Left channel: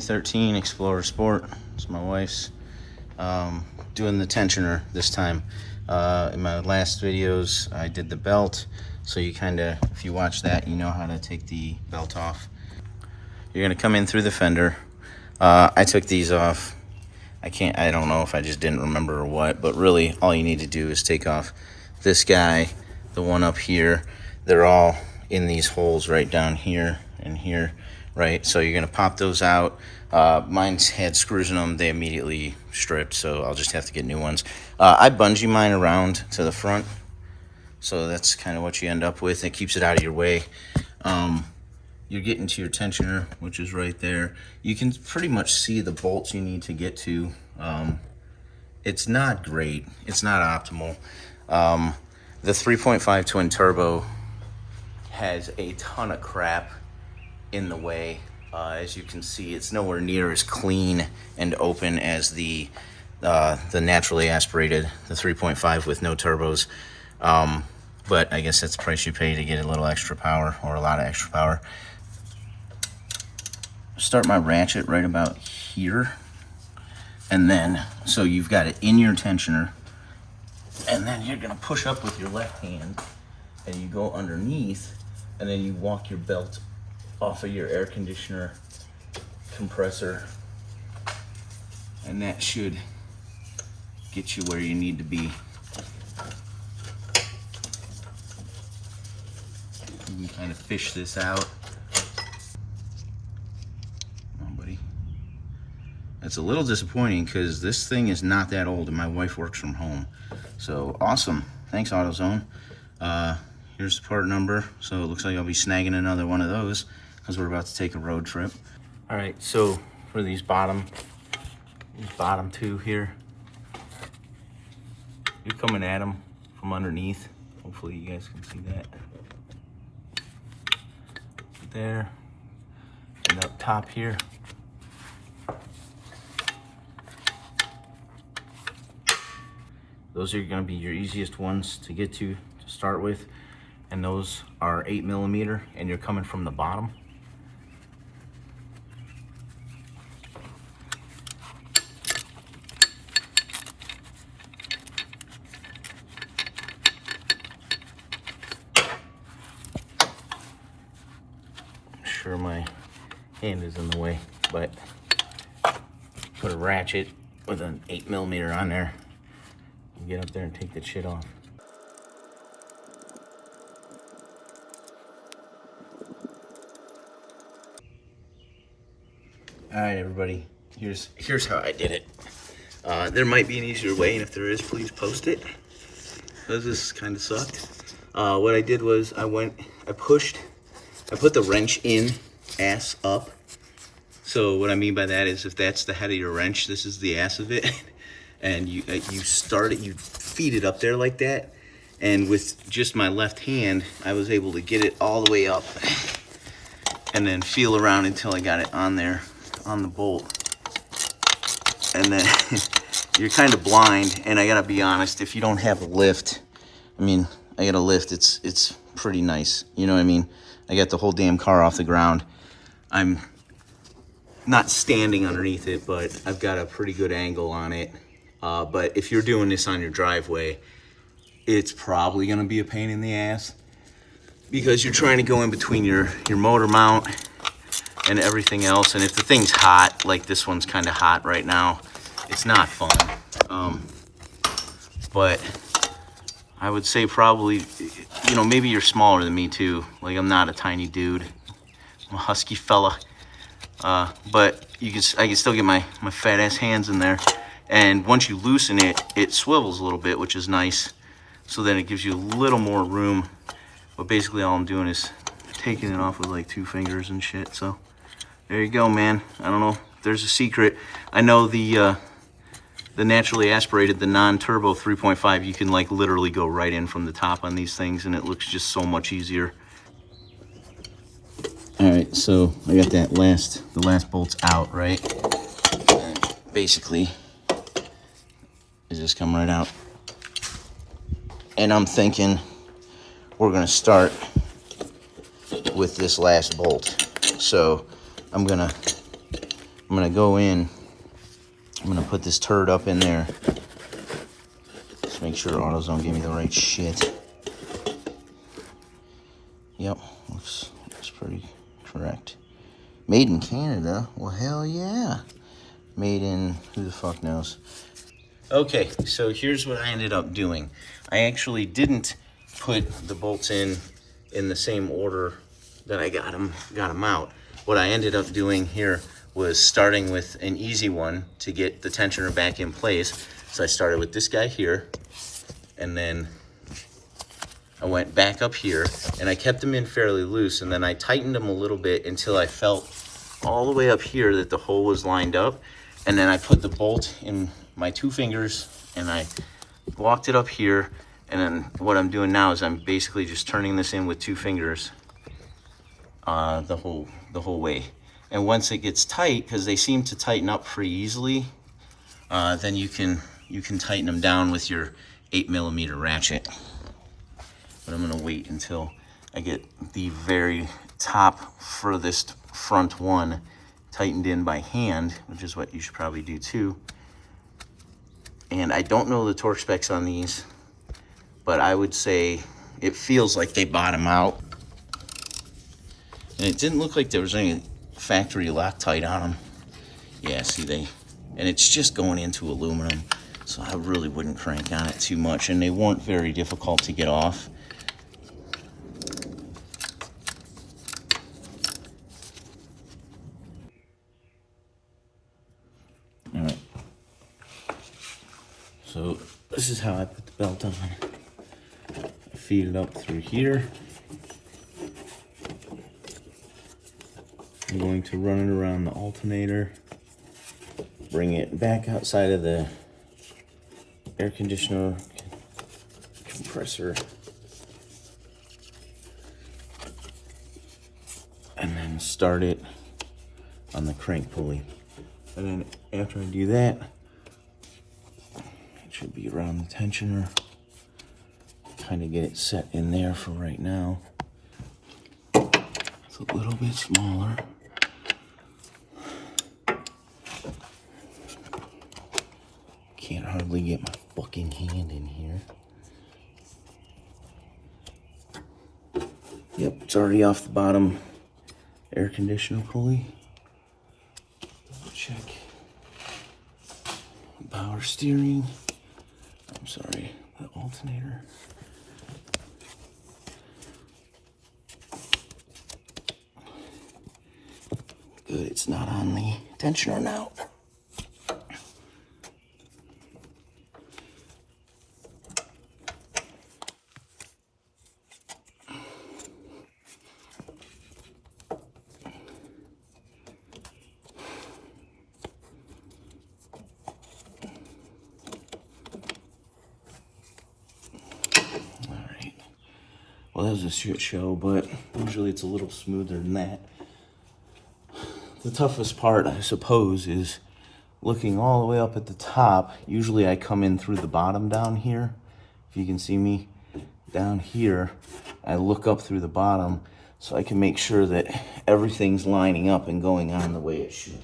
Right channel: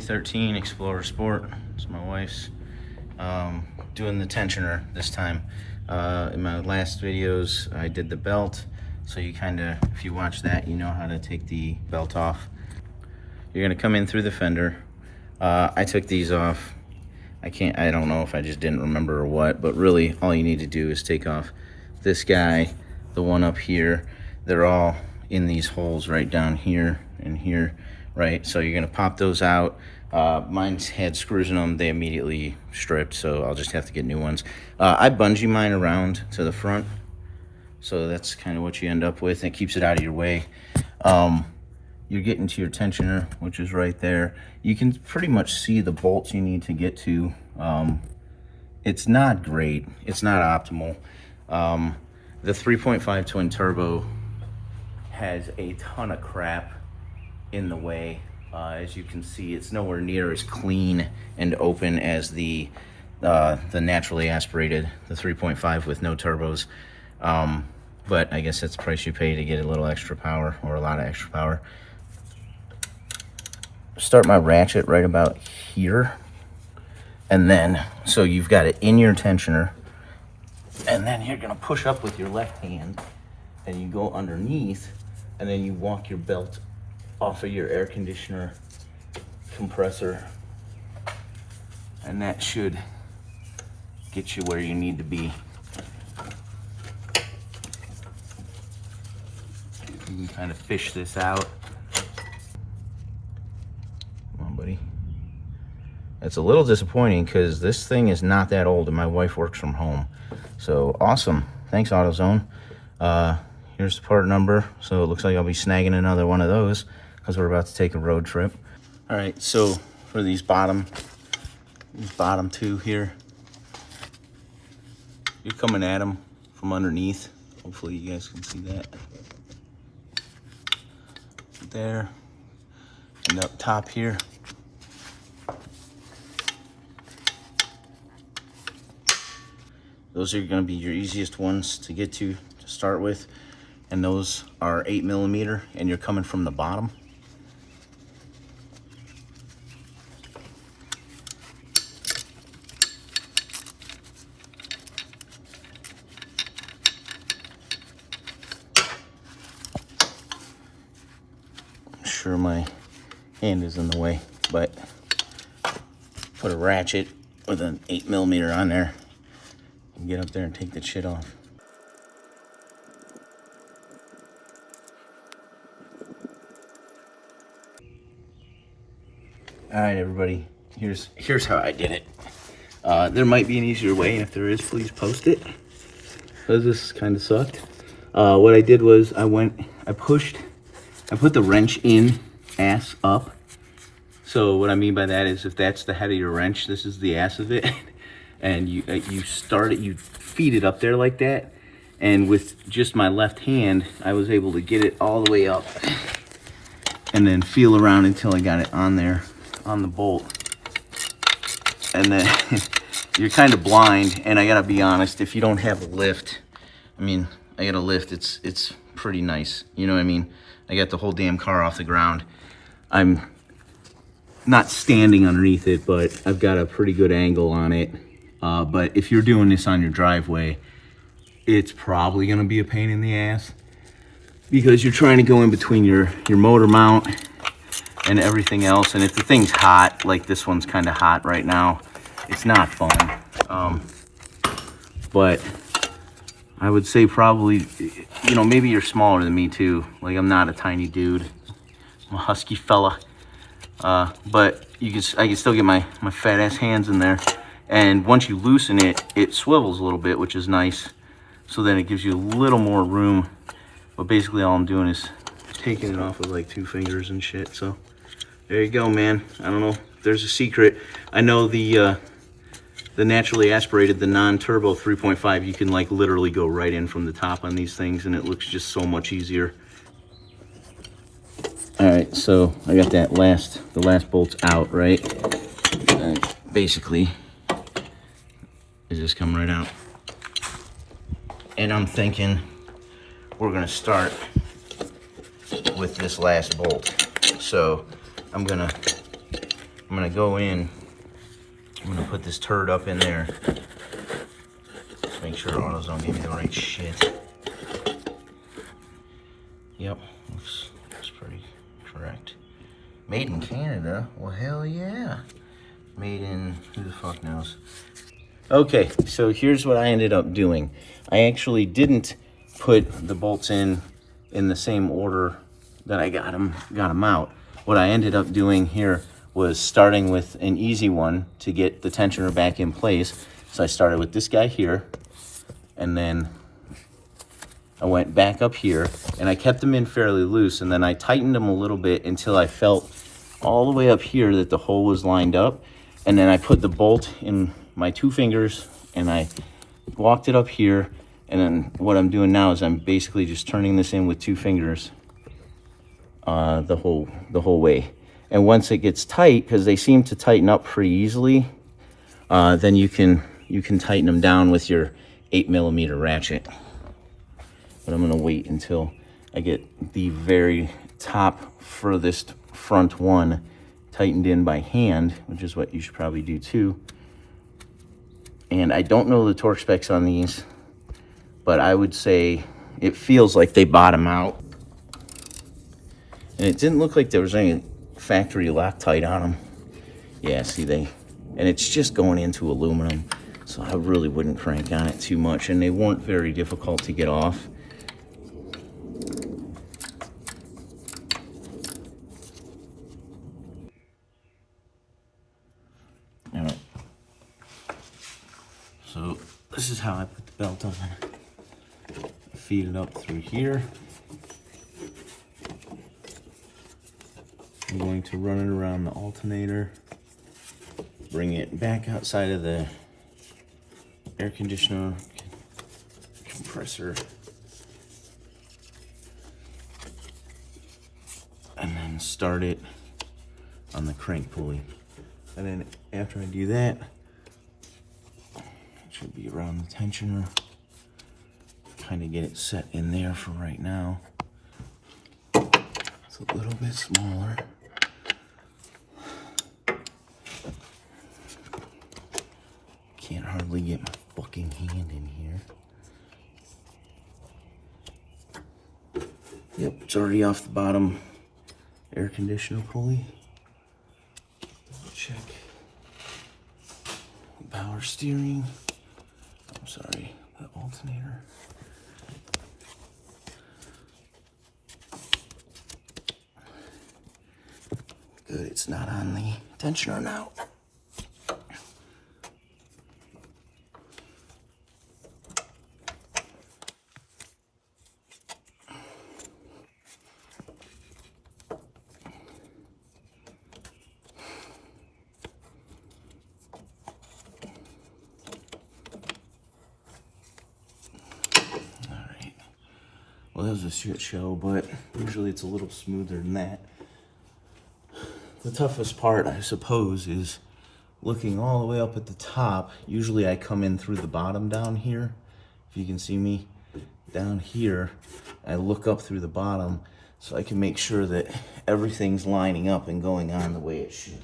2013 Explorer Sport. It's my wife's. Doing the tensioner this time. In my last videos, I did the belt. So you kind of, if you watch that, you know how to take the belt off. You're gonna come in through the fender. I took these off. I don't know if I just didn't remember or what, but really all you need to do is take off this guy, the one up here. They're all in these holes right down here and here, right? So you're gonna pop those out. Mine's had screws in them. They immediately stripped, so I'll just have to get new ones. I bungee mine around to the front, so that's kind of what you end up with. It keeps it out of your way. You're getting to your tensioner, which is right there. You can pretty much see the bolts you need to get to. It's not great. It's not optimal. The 3.5 twin turbo has a ton of crap in the way. As you can see, it's nowhere near as clean and open as the naturally aspirated, the 3.5 with no turbos. But I guess that's the price you pay to get a little extra power, or a lot of extra power. Start my ratchet right about here. And then, so you've got it in your tensioner. And then you're gonna push up with your left hand and you go underneath, and then you walk your belt off of your air conditioner compressor, and that should get you where you need to be. You can kind of fish this out. Come on, buddy. It's a little disappointing because this thing is not that old and my wife works from home. So awesome. Thanks, AutoZone. Here's the part number. So it looks like I'll be snagging another one of those because we're about to take a road trip. All right, so for these bottom two here, you're coming at them from underneath. Hopefully you guys can see that. There, and up top here. Those are gonna be your easiest ones to get to start with. And those are 8mm, and you're coming from the bottom. I'm sure my hand is in the way, but put a ratchet with an 8mm on there and get up there and take that shit off. All right, everybody, here's how I did it. There might be an easier way, and if there is, please post it, because this kind of sucked. What I did was I put the wrench in, ass up. So what I mean by that is, if that's the head of your wrench, this is the ass of it, and you start it, you feed it up there like that, and with just my left hand, I was able to get it all the way up, and then feel around until I got it on there, on the bolt. And then you're kind of blind, and I gotta be honest, if you don't have a lift, I mean, I got a lift, it's pretty nice, you know what I mean? I got the whole damn car off the ground. I'm not standing underneath it, but I've got a pretty good angle on it. But if you're doing this on your driveway, it's probably gonna be a pain in the ass, because you're trying to go in between your motor mount and everything else. And if the thing's hot, like this one's kind of hot right now, it's not fun. But I would say probably, you know, maybe you're smaller than me too. Like, I'm not a tiny dude. I'm a husky fella. But I can still get my fat ass hands in there. And once you loosen it, it swivels a little bit, which is nice. So then it gives you a little more room. But basically all I'm doing is taking it off with like 2 fingers and shit. So there you go, man. I don't know if there's a secret. I know the naturally aspirated, the non-turbo 3.5, you can like literally go right in from the top on these things, and it looks just so much easier. All right, so I got the last bolts out, right? And basically, it just come right out. And I'm thinking we're gonna start with this last bolt. So I'm gonna I'm gonna go in. I'm gonna put this turd up in there. Just make sure AutoZone gave me the right shit. Yep, looks pretty correct. Made in Canada? Well, hell yeah. Made in, who the fuck knows? Okay, so here's what I ended up doing. I actually didn't put the bolts in the same order that I got them out. What I ended up doing here was starting with an easy one to get the tensioner back in place. So I started with this guy here, and then I went back up here, and I kept them in fairly loose, and then I tightened them a little bit until I felt all the way up here that the hole was lined up, and then I put the bolt in my 2 fingers, and I walked it up here, and then what I'm doing now is I'm basically just turning this in with 2 fingers the whole way. And once it gets tight, because they seem to tighten up pretty easily, then you can tighten them down with your 8mm ratchet. But I'm gonna wait until I get the very top furthest front one tightened in by hand, which is what you should probably do too. And I don't know the torque specs on these, but I would say it feels like they bottom out. And it didn't look like there was any factory Loctite on them. Yeah, see and it's just going into aluminum, so I really wouldn't crank on it too much, and they weren't very difficult to get off. All right. So this is how I put the belt on. I feed it up through here. I'm going to run it around the alternator, bring it back outside of the air conditioner compressor, and then start it on the crank pulley. And then after I do that, it should be around the tensioner. Kind of get it set in there for right now. It's a little bit smaller. Can't hardly get my fucking hand in here. Yep, it's already off the bottom air conditioner pulley. Double check. Power steering. I'm sorry, the alternator. Good, it's not on the tensioner now. Well, that was a shit show, but usually it's a little smoother than that. The toughest part, I suppose, is looking all the way up at the top. Usually I come in through the bottom down here. If you can see me down here, I look up through the bottom so I can make sure that everything's lining up and going on the way it should.